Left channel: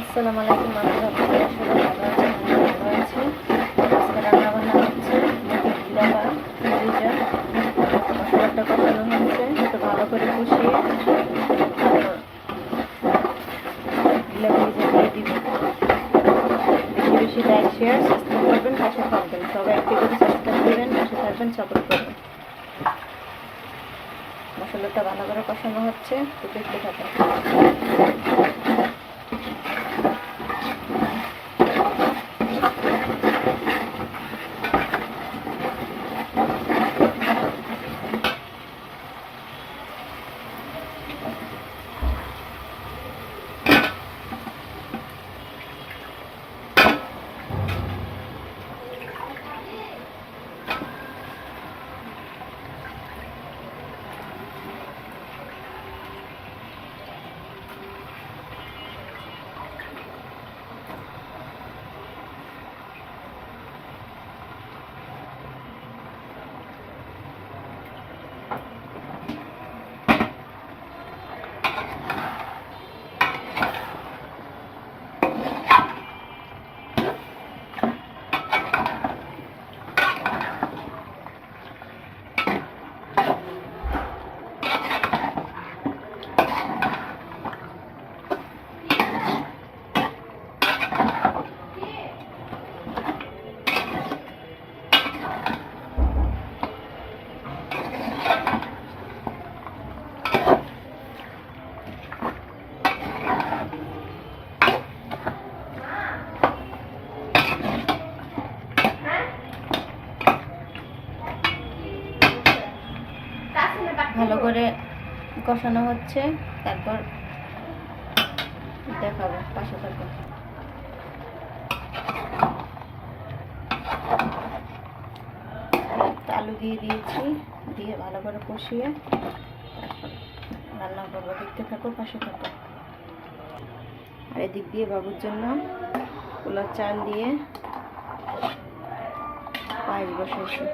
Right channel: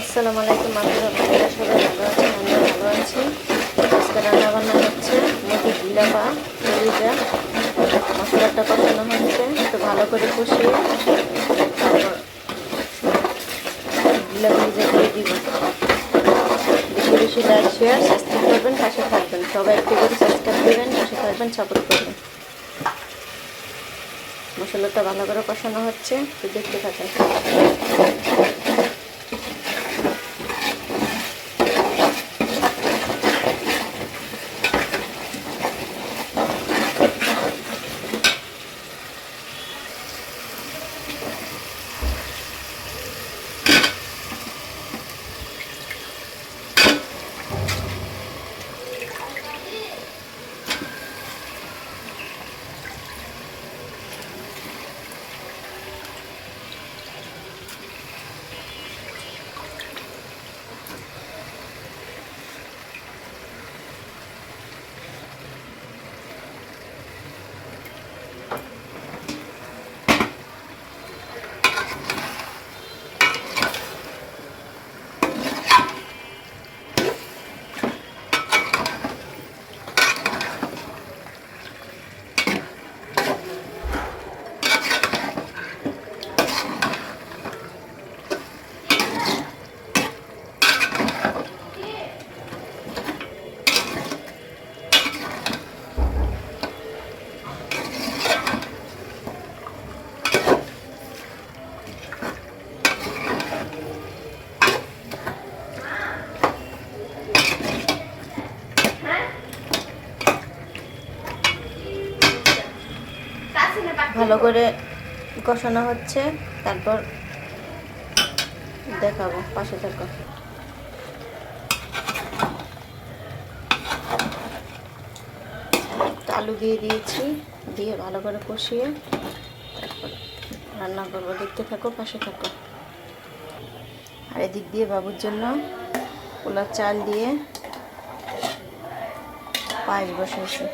আসসালামু আলাইকুম, আমি আপনারা সবাই ভালো আমিও ভালো আছি। আজকে রান্না বান্না হচ্ছে মুরগি গিলা বা মুরগিটা মশলাটা কষানো হচ্ছে, একটু ভালো করে কষিয়ে তারপর গিলাগুলি যে দিয়ে দিব। বেশি লাইক শেয়ার সাবস্ক্রাইব করবেন, পাশে থাকবেন। সবাই একটু করে সাবস্ক্রাইব করবেন, পাশে থাকবেন সাপোর্ট করবেন। মশলাটা ভালো করে কষানো হচ্ছে দেখতে থাকেন ভালো করে কষানো হচ্ছে। তারপর দেখাবো পাশে থাকো। আলু দিয়ে দিয়েছি, দিয়ে ভালো করে কষিয়ে তারপর রান্না করব। দেখতে থাকো, পাশে থাকো। আর এদিক দিয়ে বাবুর জন্য পোলার চাল দিয়ে পায়েস বসেছি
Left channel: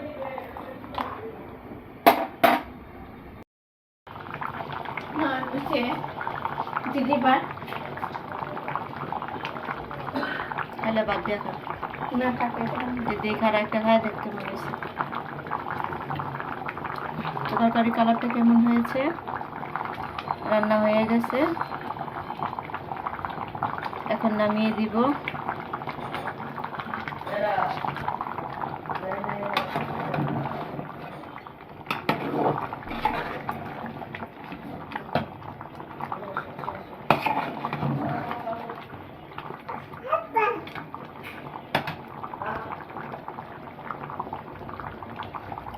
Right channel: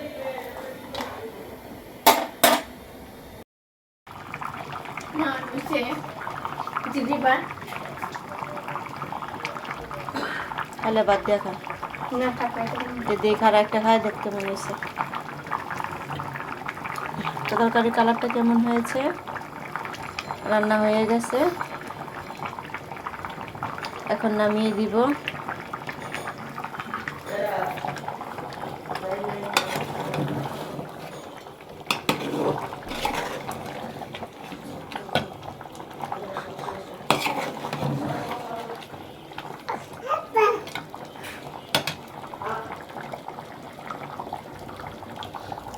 দিদিবার তাহলে বাদ দিয়ে খা না দিদি খারা একটা খায় দেখতে মনে হয়েছে তরকারি কালারটা কেমন হয়েছে রান্না হয়ে গেছে এখন নামিয়ে দিব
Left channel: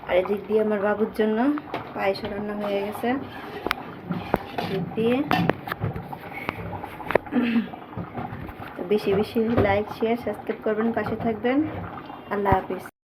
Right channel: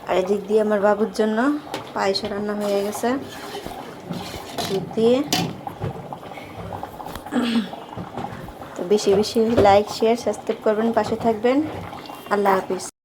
আর এদিক দিয়ে আমার বাবুর জন্য পায়েস রান্না হয়ে গেছে। দিয়ে। তো বেশি বেশি লাইক শেয়ার সাবস্ক্রাইব করবেন, পাশে থাকবেন। আল্লাহ হাফিজ।